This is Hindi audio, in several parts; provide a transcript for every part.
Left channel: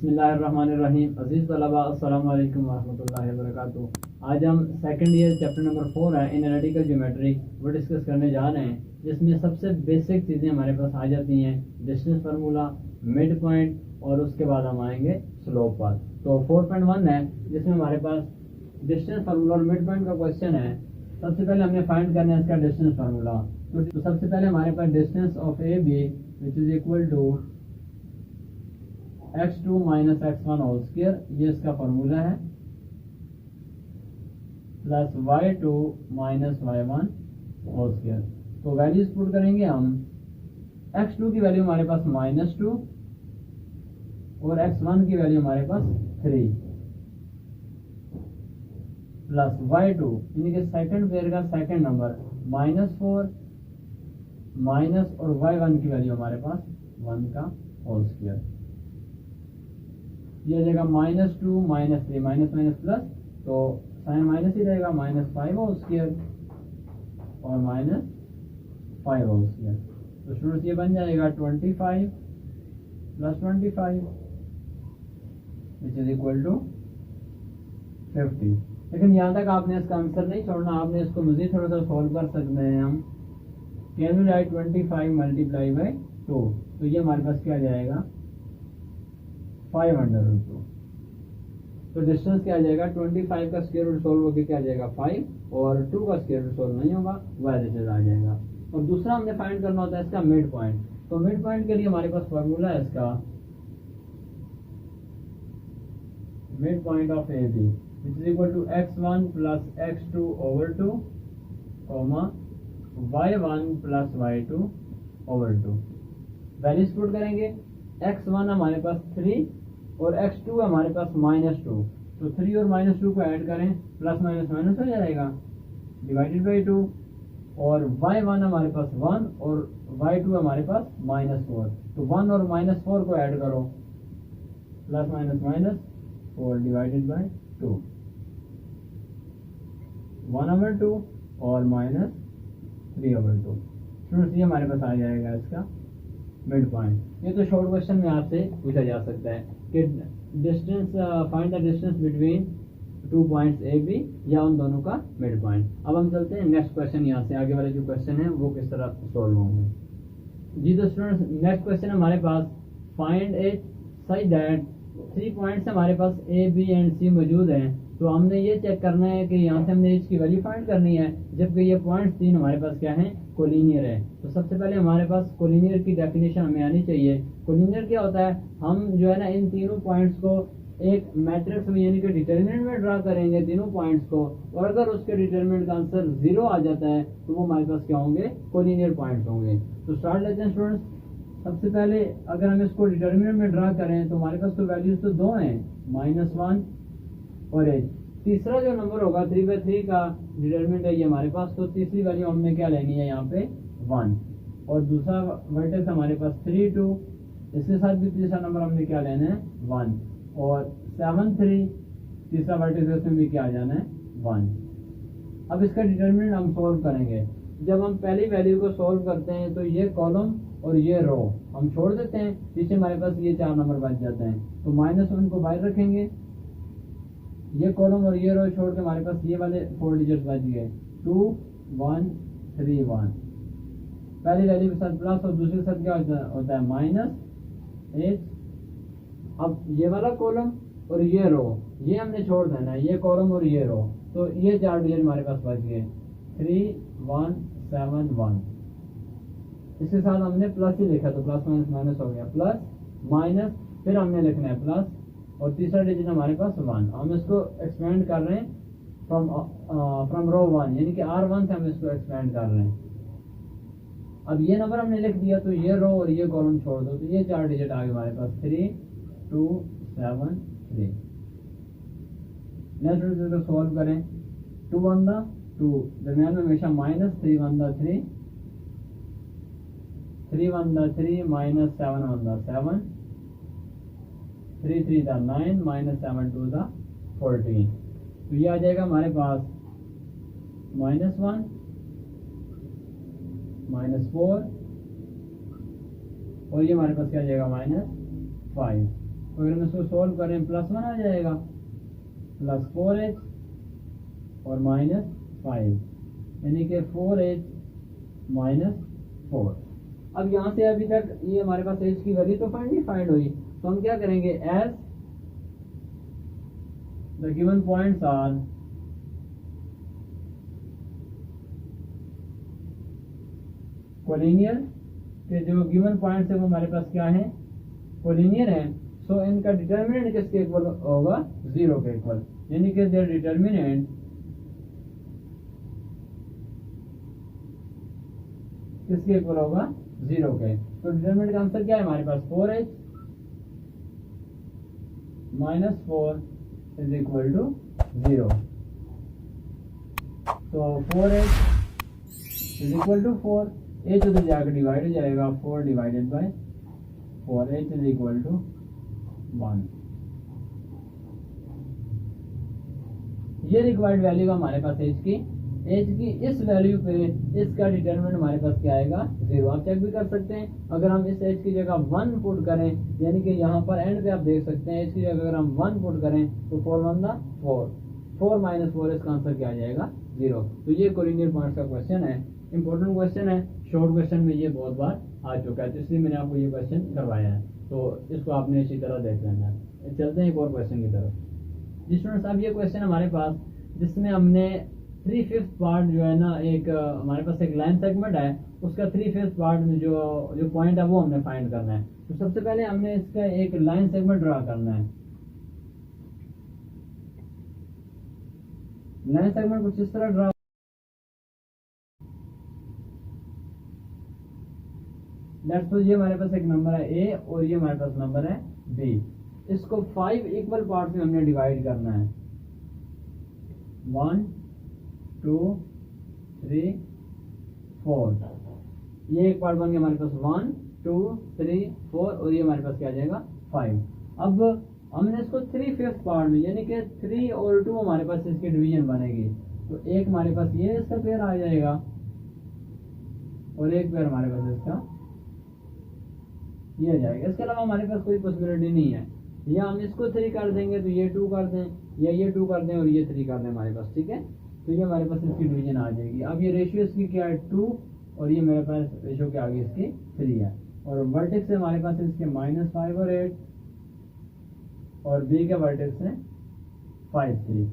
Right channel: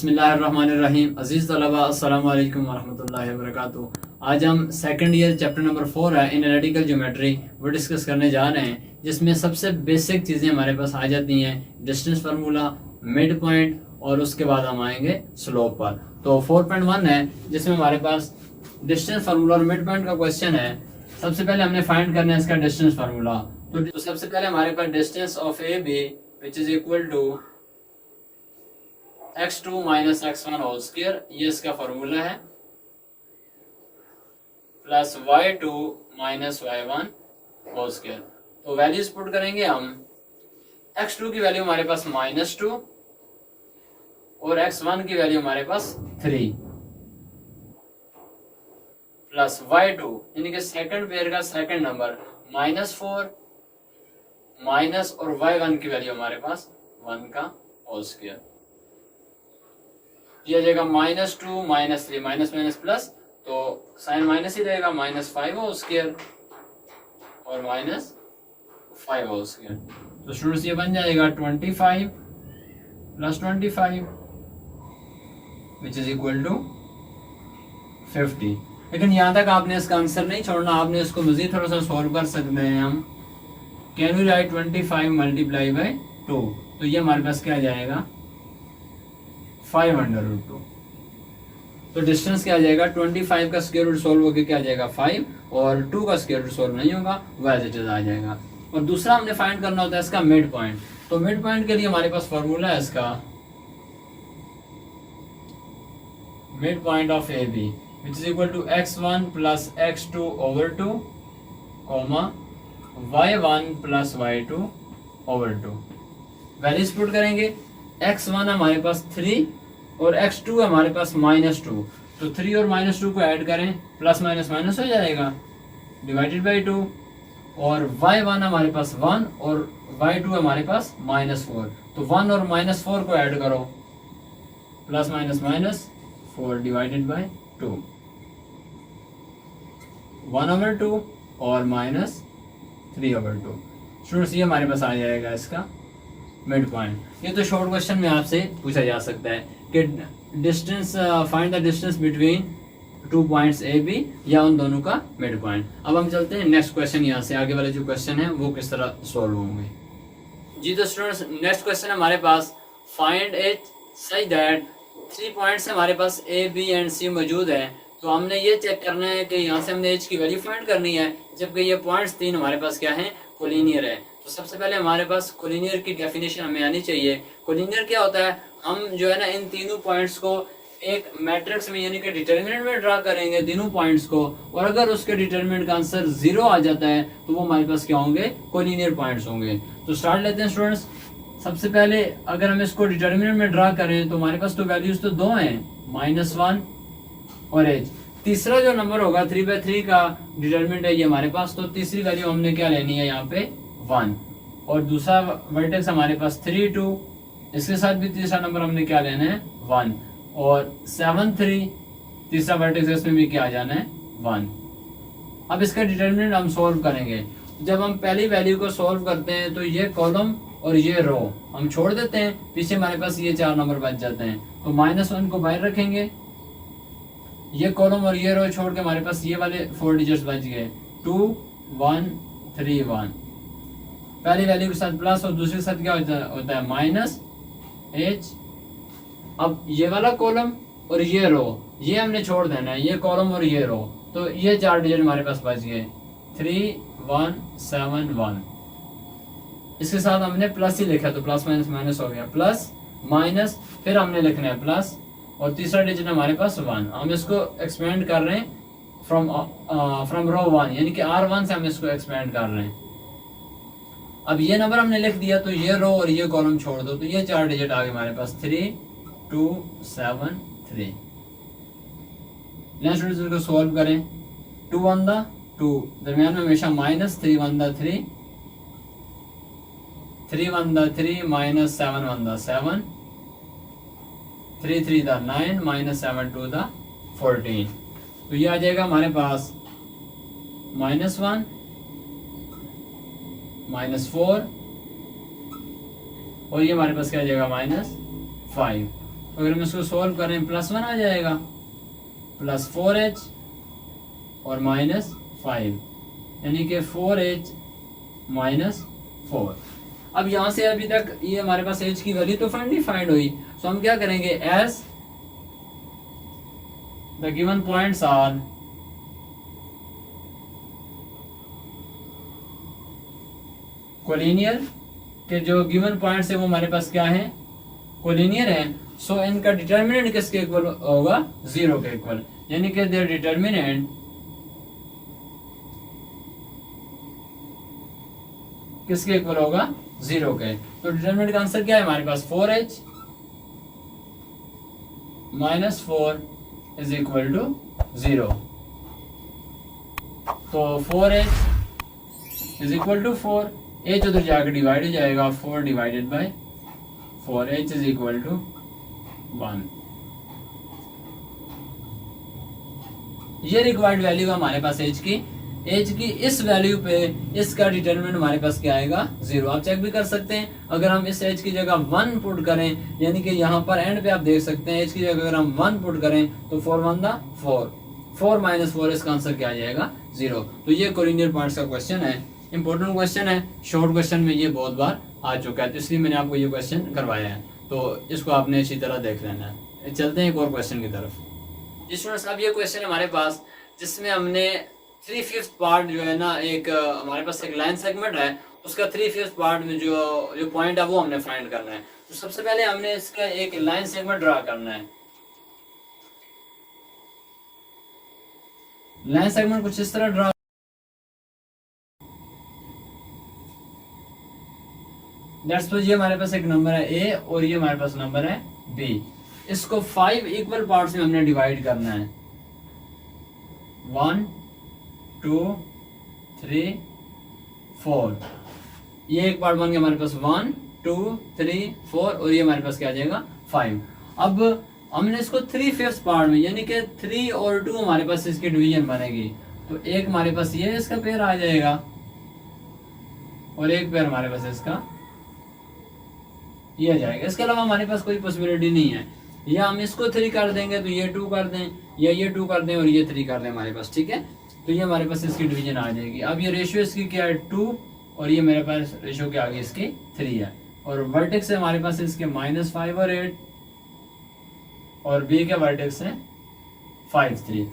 बिस्मिल्लाहिर्रहमानिर्रहीम। अज़ीज़ तलबा अस्सलामु अलैकुम वरहमतुल्लाहि वबरकातुहू। आज हम सेकंड ईयर चैप्टर नंबर 4 है एनालिटिकल ज्योमेट्री वो डिस्कस करने जा रहे हैं, जिसमें सबसे बेसिक चीज़ें हमारे पास आ जाती हैं, डिस्टेंस फार्मूला, मिड पॉइंट और उसके बाद हम आएंगे स्लोप पर। तो 4.1 है जिसमें हमारे पास डिस्टेंस फार्मूला और मिड पॉइंट का क्वेश्चन है। सबसे पहले हमने फाइंड करना है इसका डिस्टेंस फार्मूला। तो सबसे पहले हमारे पास distance of A B which is equal to x2 minus x1 whole square, ये इसका फॉर्मूला है, plus y2 minus y1 whole square. तो वैल्यूज पुट करेंगे हम। x2 की वैल्यू हमारे पास -2 और x1 की वैल्यू हमारे पास 3 प्लस y2 यानी कि सेकंड पेयर का सेकंड नंबर -4 माइनस और y1 की वैल्यू हमारे पास 1 का होल स्क्वायर। ये आ जाएगा -2 -3 माइनस माइनस प्लस, तो साइन माइनस ही रहेगा, -5 होल स्क्वायर और -5 होल स्क्वायर। तो स्टूडेंट्स ये बन जाएगा 25 plus 25 which is equal to 50। लेकिन यहाँ तक आपने इसका आंसर नहीं छोड़ना, आपने इसको मजीद थोड़ा सा सॉल्व कर सकते हैं हम। Can we write 25 multiply by 2, तो ये हमारे पास क्या जाएगा 5/√2। तो डिस्टेंस क्या आ जाएगा 25 का स्क्वायर रूट सोल्व होकर क्या आ जाएगा 5 और 2 का स्क्वायर रूट सोल्व नहीं होगा, वो एज इट इज आ जाएगा। और दूसरा हमने फाइंड करना होता है इसका मिड पॉइंट। तो मिड पॉइंट के लिए हमारे पास फॉर्मूला है इसका mid point of A B which is equal to x1 plus x2 over 2 comma y1 plus y2 over 2। Values put करेंगे। x1 हमारे पास 3 और x2 हमारे पास -2, तो 3 और -2 को ऐड करें, प्लस माइनस माइनस हो जाएगा, डिवाइडेड बाई 2। और y1 हमारे पास 1 और y2 हमारे पास -4, तो 1 और -4 को ऐड करो, plus minus minus 4 divided by 2, 1/2 और -3/2। स्टूडेंट्स ये हमारे पास आ जाएगा इसका मिड पॉइंट। ये तो शॉर्ट क्वेश्चन में आपसे पूछा जा सकता है कि distance find the distance between 2 points A B, या उन दोनों का मिड पॉइंट। अब हम चलते हैं नेक्स्ट क्वेश्चन, यहाँ से आगे वाले जो क्वेश्चन है वो किस तरह सॉल्व होंगे। जी तो स्टूडेंट्स नेक्स्ट क्वेश्चन हमारे पास find H such that 3 points हमारे पास ए बी एंड सी मौजूद है। तो हमने ये चेक करना है कि यहाँ से हमने एच की वैल्यू फाइंड करनी है, जबकि ये पॉइंट्स 3 हमारे पास क्या हैं कोलिनियर है। तो सबसे पहले हमारे पास कोलिनियर की डेफिनेशन हमें आनी चाहिए। कोलिनियर क्या होता है, हम जो है ना इन तीनों पॉइंट्स को एक मैट्रिक्स में यानी कि डिटर्मिनेंट में ड्रा करेंगे तीनों पॉइंट्स को, और अगर उसके डिटर्मिनेंट का आंसर 0 आ जाता है तो वो हमारे पास क्या होंगे कोलिनियर पॉइंट्स होंगे। तो स्टार्ट लेते हैं स्टूडेंट्स। सबसे पहले अगर हम इसको डिटर्मिनेंट में ड्रा करें तो हमारे पास तो वैल्यूज तो 2 हैं, -1 और एच। तीसरा जो नंबर होगा 3/3 का डिटर्मिनेंट है ये हमारे पास, तो तीसरी वैल्यू हमने क्या लेनी है यहाँ पे 1, और दूसरा वर्टेक्स हमारे पास 3 2, इसके साथ भी तीसरा नंबर हमने क्या लेना है 1, और 7 3 तीसरा वर्टेक्स इसमें भी क्या आ जाना है 1। अब इसका डिटर्मिनेंट हम सोल्व करेंगे। जब हम पहली वैल्यू को सोल्व करते हैं तो ये कॉलम और ये रो हम छोड़ देते हैं, पीछे हमारे पास ये 4 नंबर बच जाते हैं। तो -1 को बाहर रखेंगे, ये कॉलम और ये रो छोड़ के हमारे पास ये वाले 4 डिजिट्स बच गए, 2 1 3 1। पहली वैल्यू के साथ प्लस और दूसरे के साथ क्या होता है -h। अब ये वाला कॉलम और ये रो ये हमने छोड़ देना है, ये कॉलम और ये रो, तो ये 4 डिजिट हमारे पास बच गए 3 1 7 1। इसके साथ हमने प्लस ही लिखा तो प्लस माइनस माइनस हो गया, प्लस माइनस फिर हमने लिखना है प्लस, और तीसरा डिजिट हमारे पास 1। हम इसको एक्सपेंड कर रहे हैं फ्रॉम रो 1 यानी कि R1 से हम इसको एक्सपेंड कर रहे हैं। अब ये नंबर हमने लिख दिया तो ये रो और ये कॉलम छोड़ दो, तो ये 4 डिजिट आ गए हमारे पास 3 2 7 3। नेक्स्ट इसको सॉल्व करें, 2 1 2 दरमियान में हमेशा -3 1 3 3 1 3 -7 1 7 3 3 9 -7 2 14। तो ये आ जाएगा हमारे पास -1 -4 और ये हमारे पास क्या आ जाएगा -5। अगर हम इसको सोल्व करें +1 आ जाएगा, +4h और -5, यानी कि 4h - 4। अब यहाँ से अभी तक ये हमारे पास h की वैल्यू तो फाइंड हुई, तो हम क्या करेंगे, as the given points are collinear, के जो गिवन पॉइंट्स है वो हमारे पास क्या है, कोलिनियर है। सो इनका डिटर्मिनेंट किसके इक्वल होगा, 0 के इक्वल, यानी कि देयर डिटर्मिनेंट किसके इक्वल होगा, 0 के। तो डिटर्मिनेंट का आंसर क्या है हमारे पास, 4h - 4 इज इक्वल टू 0। तो 4h is equal to 4, h उधर जाकर डिवाइड हो जाएगा, 4 divided by 4, h is equal to 1। ये रिक्वायर्ड वैल्यू हमारे पास h की इस वैल्यू पे इसका डिटरमिनेंट हमारे पास क्या आएगा, 0। आप चेक भी कर सकते हैं, अगर हम इस h की जगह 1 पुट करें, यानी कि यहाँ पर एंड पे आप देख सकते हैं h की जगह अगर हम 1 पुट करें तो 4 1 4, 4 - 4 इसका आंसर क्या आ जाएगा, 0। तो ये कोलिनियर पॉइंट्स का क्वेश्चन है, इंपॉर्टेंट क्वेश्चन है, शॉर्ट क्वेश्चन में ये बहुत बार आ चुका है, तो इसलिए मैंने आपको ये क्वेश्चन करवाया है, तो इसको आपने इसी तरह देख लेना है। चलते हैं एक और क्वेश्चन की तरफ। जी स्टूडेंट्स, अब ये क्वेश्चन है हमारे पास जिसमें हमने 3/5 पार्ट जो है ना, एक हमारे पास एक लाइन सेगमेंट है, उसका 3/5 पार्ट में जो पॉइंट है वो हमने फाइंड करना है। तो सबसे पहले हमने इसका एक लाइन सेगमेंट ड्रा करना है। लाइन सेगमेंट कुछ इस तरह ड्रा, ये हमारे पास एक नंबर है a और ये हमारे पास नंबर है b। इसको 5 इक्वल पार्ट्स में हमने डिवाइड करना है, 1 2 3 4। ये एक पार्ट बन गया हमारे पास 1 2 3 4, और ये हमारे पास क्या आ जाएगा, 5। अब हमने इसको 3/5 पार्ट में, यानी कि 3 और 2 हमारे पास इसकी डिवीजन बनेगी, तो एक हमारे पास ये इसका पेयर आ जाएगा और एक पेयर हमारे पास इसका ये आ जाएगा। इसके अलावा हमारे पास कोई पॉसिबिलिटी नहीं है, या हम इसको 3 कर देंगे तो ये 2 कर दें, या ये 2 कर दें और ये 3 कर दें हमारे पास, ठीक है। तो ये हमारे पास इसकी डिवीजन आ जाएगी। अब ये रेशियो इसकी क्या है, 2, और ये मेरे पास रेशियो के आगे इसकी 3 है, और वर्टेक्स है हमारे पास इसके -5 और 8, और बी के वर्टेक्स है 5 3।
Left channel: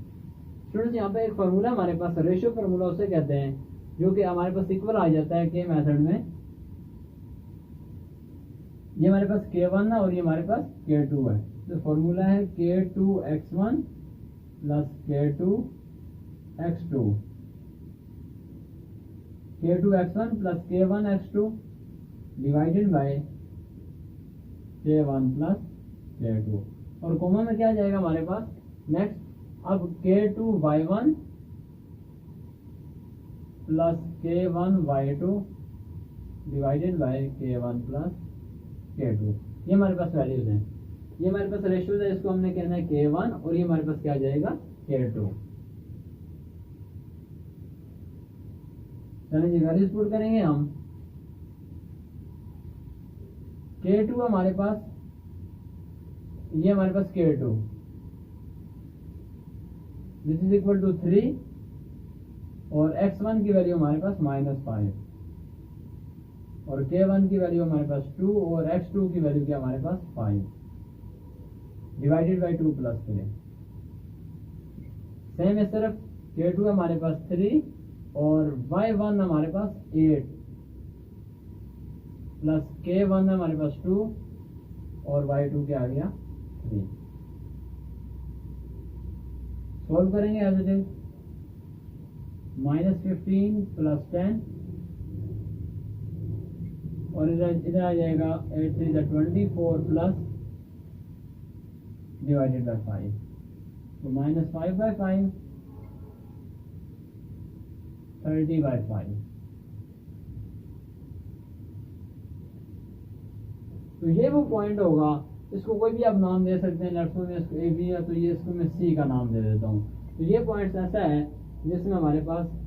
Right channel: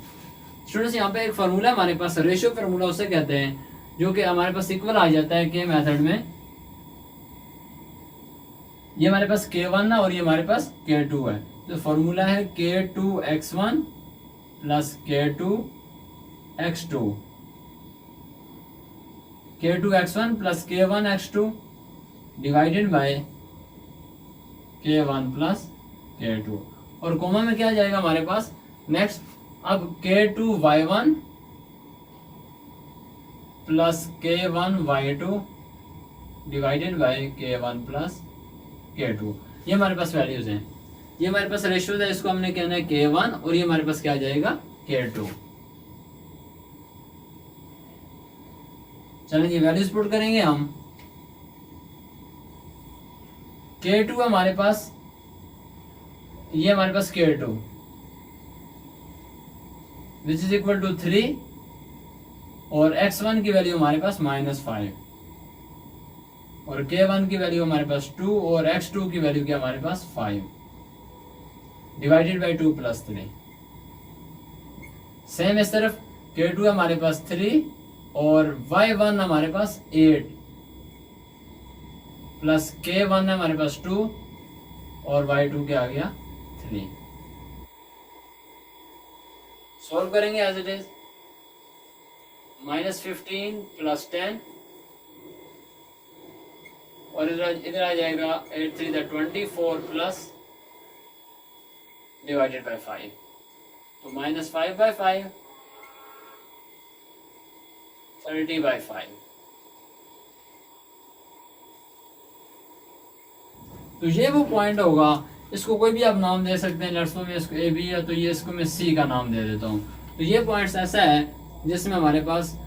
स्टूडेंट्स, यहाँ पे एक फार्मूला हमारे पास, रेशियो फार्मूला उसे कहते हैं, जो कि हमारे पास इक्वल आ जाता है के मेथड में। ये हमारे पास k1 है और ये हमारे पास k2 है, तो फार्मूला है k2x1 plus k2x2, k2x1 plus k1x2 divided by k1 plus k2, और कोमा में क्या आ जाएगा हमारे पास नेक्स्ट। अब k2y1 plus k1y2 divided by k1 plus k2। ये हमारे पास वैल्यूज हैं, ये हमारे पास रेशियोज है, इसको हमने कहना है k1, और ये हमारे पास क्या आ जाएगा, k2। चलें जी, वैल्यूज पुट करेंगे हम। k2 हमारे पास, ये हमारे पास k2 which is equal to 3, और x1 की वैल्यू हमारे पास -5, और k1 की वैल्यू हमारे पास 2, और x2 की वैल्यू क्या हमारे पास 5, डिवाइडेड बाय 2 प्लस 3। सेम इस तरफ k2 हमारे पास 3, और y1 हमारे पास 8, प्लस k1 हमारे पास 2, और y2 क्या आ गया 3। सॉल्व करेंगे एज इट इज, -15 प्लस 10, और इधर आ जाएगा 8 3 24 प्लस डिवाइडेड बाय 5, तो -5/5 30/5। तो ये वो पॉइंट होगा, इसको कोई भी आप नाम दे सकते हैं, लड़सों में इसको ए बी है, तो ये इसको मैं सी का नाम दे देता हूँ। तो ये पॉइंट्स ऐसा है जिसमें हमारे पास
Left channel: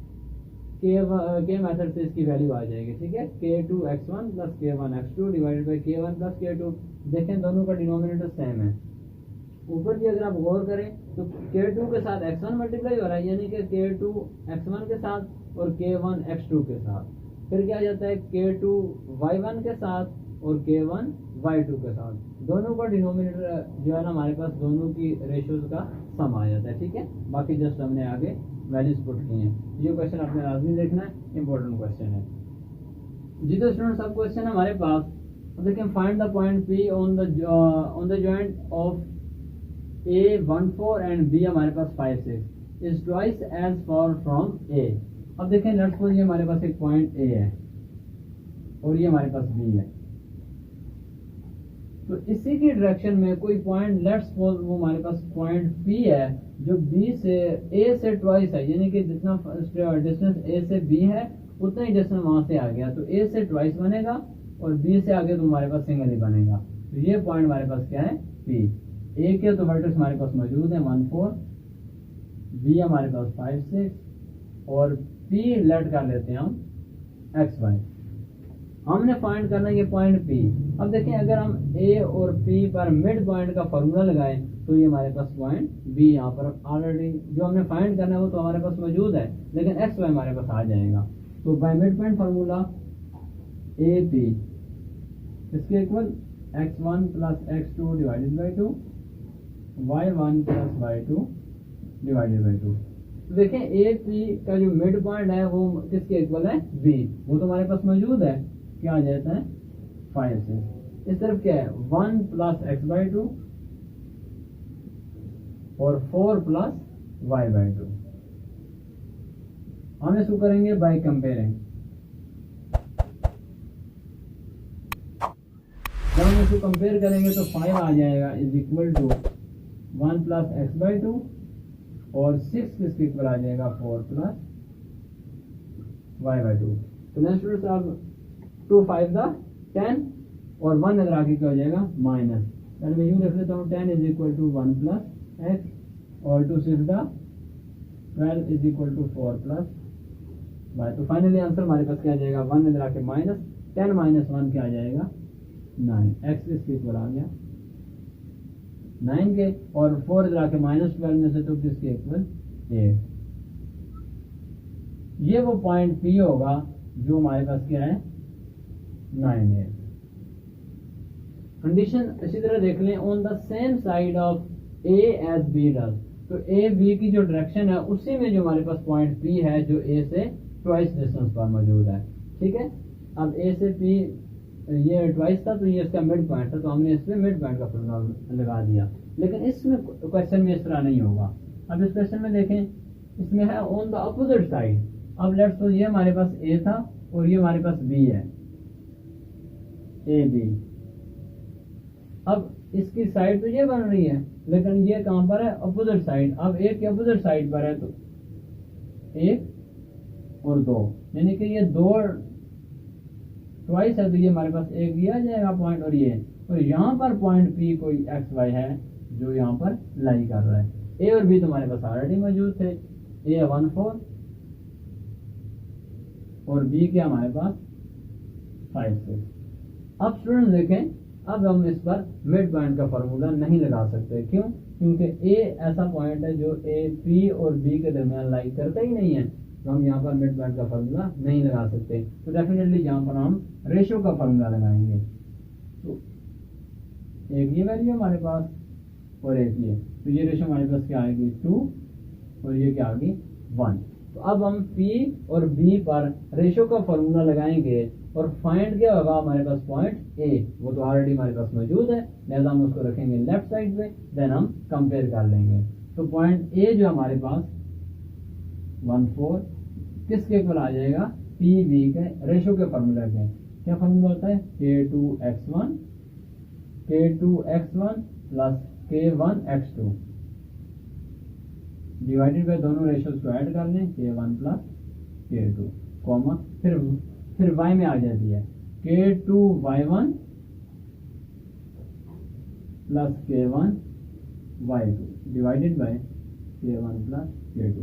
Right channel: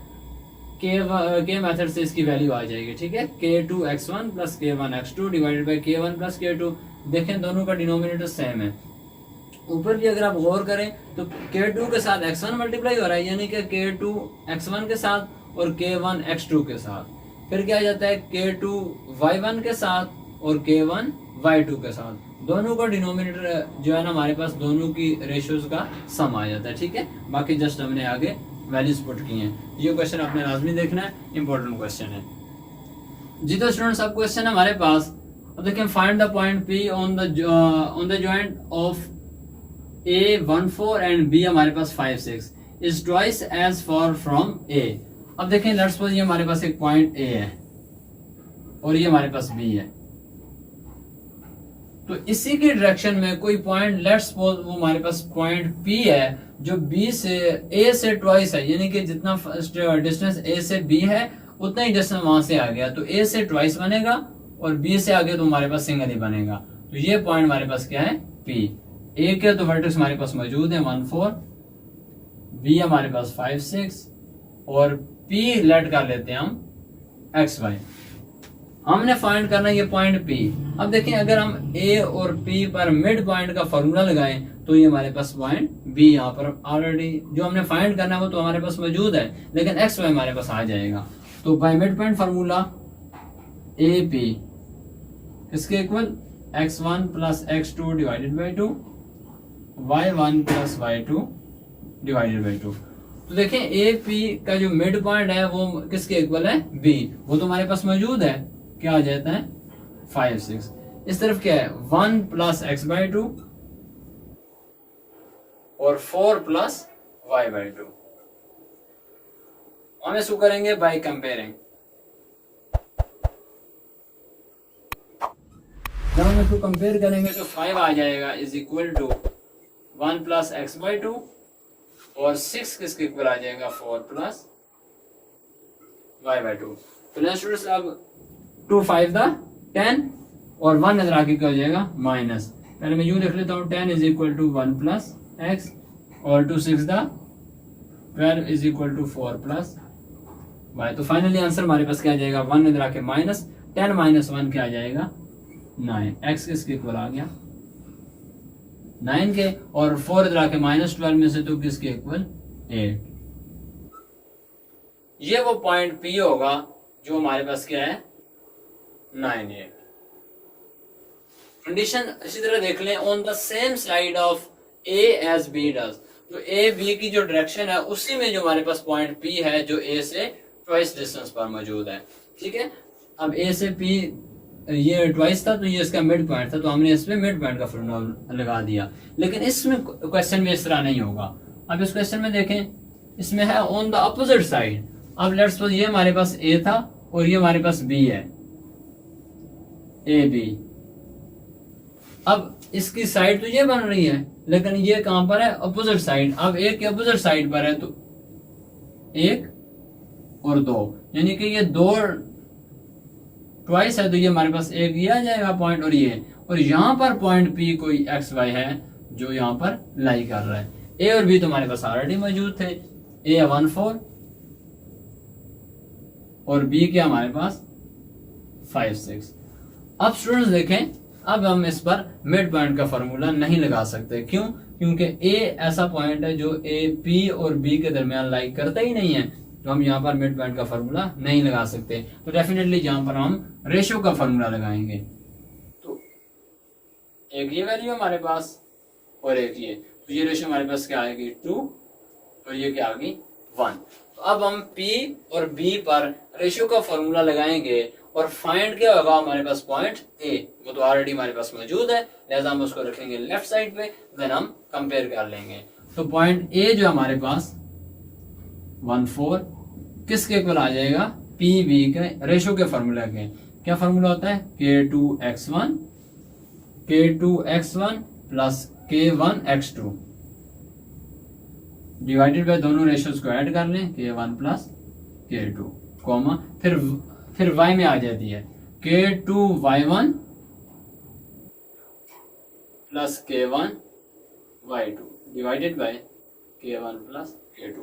के मेथड से इसकी वैल्यू आ जाएगी, ठीक है। k2x1 plus k1x2 divided by k1 plus k2। देखें दोनों का डिनोमिनेटर सेम है, ऊपर भी अगर आप गौर करें तो K2 के साथ x1 मल्टीप्लाई हो रहा है, यानी कि K2 x1 के साथ और K1 x2 के साथ। फिर क्या आ जाता है K2 y1 के साथ और K1 y2 के साथ। दोनों का डिनोमिनेटर जो है ना हमारे पास दोनों की रेशियोज का सम आ जाता है, ठीक है। बाकी जस्ट हमने आगे वैल्यूज पुट की हैं। ये क्वेश्चन आपने लाजमी देखना है, इंपॉर्टेंट क्वेश्चन है जी। तो स्टूडेंट्स अब क्वेश्चन है हमारे पास, अब देखिए find the point P on the joint of A14 and B हमारे पास 5 6 is twice as far from A। अब देखें लेट्स सपोज ये हमारे पास एक पॉइंट A है और ये हमारे पास B है, तो इसी की डायरेक्शन में कोई पॉइंट लेट्स सपोज वो हमारे पास पॉइंट P है जो B से A से ट्वाइस है, यानी कि जितना डिस्टेंस A से B है उतना ही डिस्टेंस वहां से आ गया, तो A से ट्वाइस बनेगा और B से आगे तो हमारे पास सिंगल ही बनेगा। तो ये पॉइंट हमारे पास क्या है P। A के तो वर्टेक्स हमारे पास मौजूद है 1 4, B हमारे पास 5 6 और P लेट कर लेते हैं हम x y। हमने फाइंड करना ये पॉइंट P। अब देखें अगर हम A और P पर मिड पॉइंट का फॉर्मूला लगाएं तो ये हमारे पास पॉइंट B यहाँ पर ऑलरेडी जो हमने फाइंड करना है वो तो हमारे पास मौजूद है, लेकिन x y हमारे पास आ जाएगा। तो by mid point formula AP किसके equal x1 plus x2 divided by 2, y1 plus y2 divided by 2। तो देखें AP का जो मिड पॉइंट है वो किसके इक्वल है B, वो तो हमारे पास मौजूद है, क्या आ जाता है 5 6। इस तरफ क्या है 1 प्लस x बाई 2 और 4 प्लस y बाई 2। हम इसको करेंगे बाय कंपेयरिंग। जब हम इसको कंपेयर करेंगे तो 5 आ जाएगा is equal to 1 plus x by 2 और 6 किसके इक्वल आ जाएगा 4 प्लस y बाई 2। तो स्टूडेंट्स अब 2 5 द 10 और 1 इधर आके क्या हो जाएगा माइनस। पहले मैं यूं लिख लेता हूँ 10 is equal to 1 plus x और 2 6 the 12 is equal to 4 plus y। तो फाइनली आंसर हमारे पास क्या आ जाएगा 1 इधर आके माइनस 10 माइनस 1 क्या आ जाएगा 9। x किसके इक्वल आ गया 9 के, और 4 इधर आके माइनस 12 में से तो किसके इक्वल 8। ये वो पॉइंट P होगा जो हमारे पास क्या है 9 8। कंडीशन इसी तरह देख लें on the same side of A as B does. तो A B की जो डायरेक्शन है उसी में जो हमारे पास पॉइंट P है जो A से ट्वाइस डिस्टेंस पर मौजूद है, ठीक है। अब A से P ये ट्वाइस था तो ये इसका मिड पॉइंट था, तो हमने इस पे मिड पॉइंट का फॉर्मूला लगा दिया। लेकिन इसमें क्वेश्चन में इस तरह नहीं होगा। अब इस क्वेश्चन में देखें इसमें है ऑन द अपोजिट साइड। अब लेट्स सपोज ये हमारे पास A था और ये हमारे पास B है AB। अब इसकी साइड तो ये बन रही है लेकिन ये कहां पर है अपोजिट साइड। अब एक के अपोजिट साइड पर है तो 1 और 2, यानी कि ये 2 ट्वाइस है तो ये हमारे पास एक ये आ जाएगा पॉइंट और ये, और यहाँ पर पॉइंट P कोई एक्स वाई है जो यहाँ पर लाई कर रहा है। A और B तो हमारे पास ऑलरेडी मौजूद थे, A 1 4 और B क्या हमारे पास 5 6। अब स्टूडेंट्स देखें अब हम इस पर मिड पॉइंट का फॉर्मूला नहीं लगा सकते, क्यों? क्योंकि A ऐसा पॉइंट है जो A P और B के दरमियान लाई करता ही नहीं है, तो हम यहाँ पर मिड पॉइंट का फॉर्मूला नहीं लगा सकते। तो डेफिनेटली यहाँ पर हम रेशियो का फॉर्मूला लगाएंगे। तो एक ये वैल्यू हमारे पास और एक ये, तो ये रेशियो हमारे पास क्या आएगी 2 और ये क्या आ गई 1। तो अब हम P और B पर रेशियो का फॉर्मूला लगाएंगे और फाइंड क्या होगा हमारे पास पॉइंट A, वो तो ऑलरेडी हमारे पास मौजूद है, लिहाजा हम उसको रखेंगे लेफ्ट साइड पे, देन हम कंपेयर कर लेंगे। तो पॉइंट A जो हमारे पास 1 4 किसके इक्वल आ जाएगा P B के रेशियो के फॉर्मूला के। क्या फॉर्मूला होता है K2x1 plus K1 x2 divided by दोनों रेशियोज को ऐड कर लें K1 प्लस K2 कॉमा फिर y में आ जाती है K2y1 plus K1 y2 divided by K1 plus K2।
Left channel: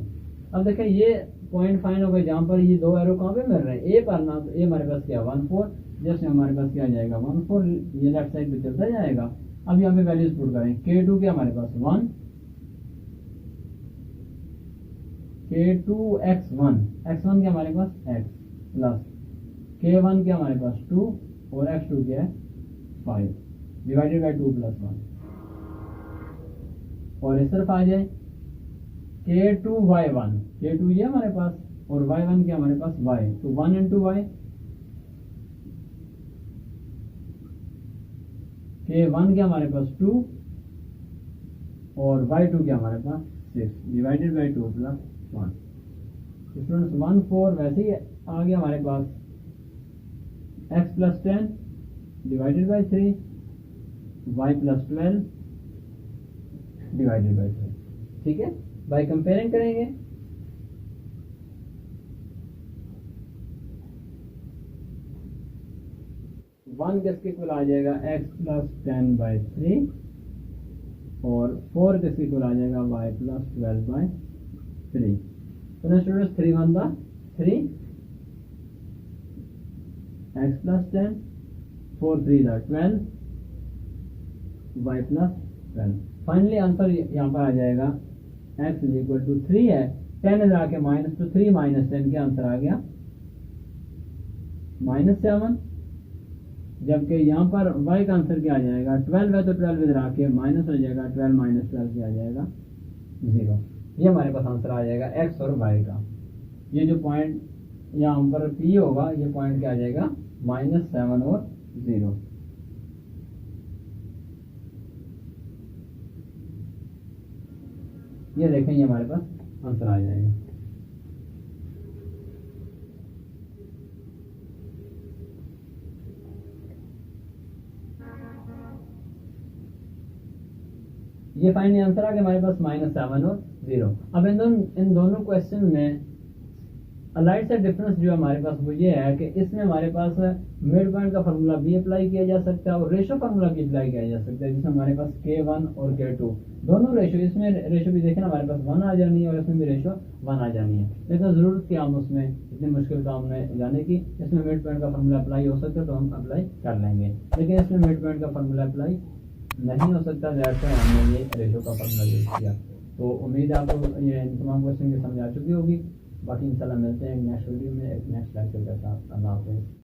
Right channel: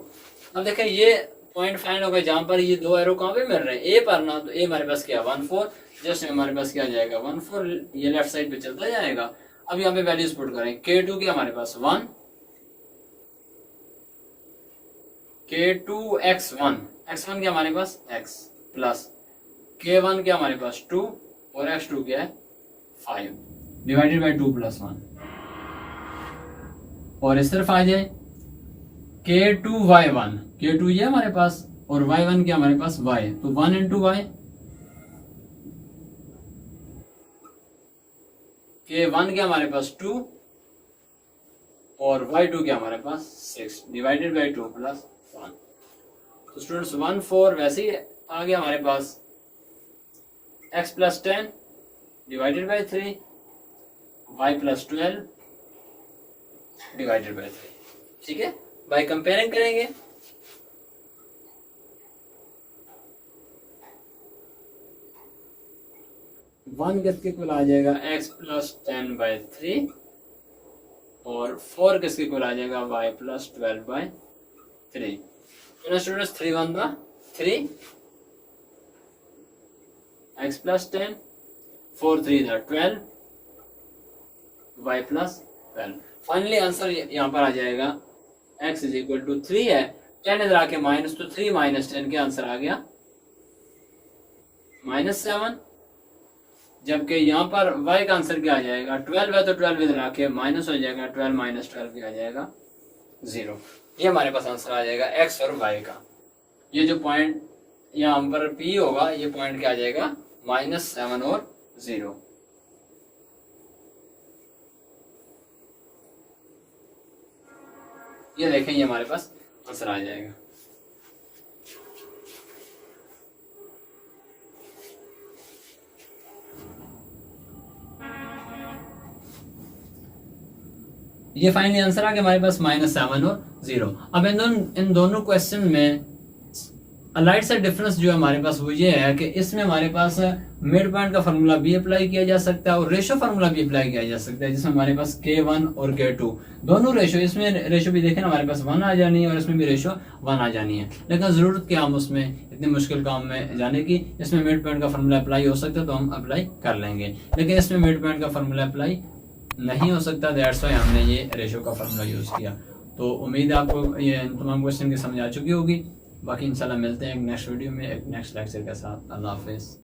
अब देखें ये पॉइंट फाइंड हो गया जहां पर ये दो एरो कहां पे मिल रहे हैं A पर ना, तो A हमारे पास क्या 1 4, जस्ट हमारे पास क्या आ जाएगा 1 4, ये लेफ्ट साइड पे चलता जाएगा। अब यहाँ पे वैल्यूज पुट करें, K2 की हमारे पास 1, K2 x1 क्या हमारे पास x प्लस K1 क्या हमारे पास 2 और x2 क्या है 5 डिवाइडेड बाई 2 प्लस 1। और इस तरफ आ जाए K2 y1, K2 ये हमारे पास और y1 क्या हमारे पास y, तो 1 इंटू वाई, K1 क्या हमारे पास 2 और y2 क्या हमारे पास 6 डिवाइडेड बाई 2 प्लस 1। तो स्टूडेंट्स 1 4 वैसे ही आ गया हमारे पास x plus 10 divided by 3 y plus 12 divided by 3। ठीक है, बाय कंपेयरिंग करेंगे। वन किसके इक्वल आ जाएगा x प्लस 10 बाई 3 और 4 किसके इक्वल आ जाएगा y प्लस 12 बाई 3। तो स्टूडेंट्स 3 1 दा 3 x प्लस 10 4 3 दा 12 y प्लस 12। फाइनली आंसर यहाँ पर आ जाएगा x इज इक्वल टू 3 है, 10 इधर आके माइनस, तो 3 माइनस 10 के आंसर आ गया -7। जबकि यहाँ पर y का आंसर क्या आ जाएगा 12 है, तो 12 इधर आके माइनस हो जाएगा, 12 माइनस 12 क्या आ जाएगा 0। ये हमारे पास आंसर आ जाएगा x और y का। ये जो पॉइंट यहाँ पर p होगा, ये पॉइंट क्या आ जाएगा -7 और 0। ये देखें, ये हमारे पास आंसर आ जाएगा। ये फाइनली आंसर आ गया हमारे पास -7 और 0। अब इन दोनों क्वेश्चन में अलाइड से डिफरेंस जो है हमारे पास वो ये है कि इसमें हमारे पास मिड पॉइंट का फार्मूला भी अप्लाई किया जा सकता है और रेशो फार्मूला भी अप्लाई किया जा सकता है, जिसमें हमारे पास K1 और K2 दोनों रेशो, इसमें रेशो भी देखें हमारे पास 1 आ जानी है और इसमें भी रेशो 1 आ जानी है। लेकिन ज़रूरत क्या हम उसमें इतने मुश्किल काम में जाने की, इसमें मिड पॉइंट का फार्मूला अप्लाई हो सकता है तो हम अप्लाई कर लेंगे, लेकिन इसमें मिड पॉइंट का फार्मूला अप्लाई नहीं हो सकता, दैट्स व्हाई हमने ये रेशो का फार्मूला यूज़ किया। तो उम्मीद है आपको ये तमाम क्वेश्चन की समझ आ चुकी होगी। बाकी इंशाल्लाह मिलते हैं एक नेक्स्ट वीडियो में एक नेक्स्ट लेक्चर के साथ। अल्लाह हाफिज़।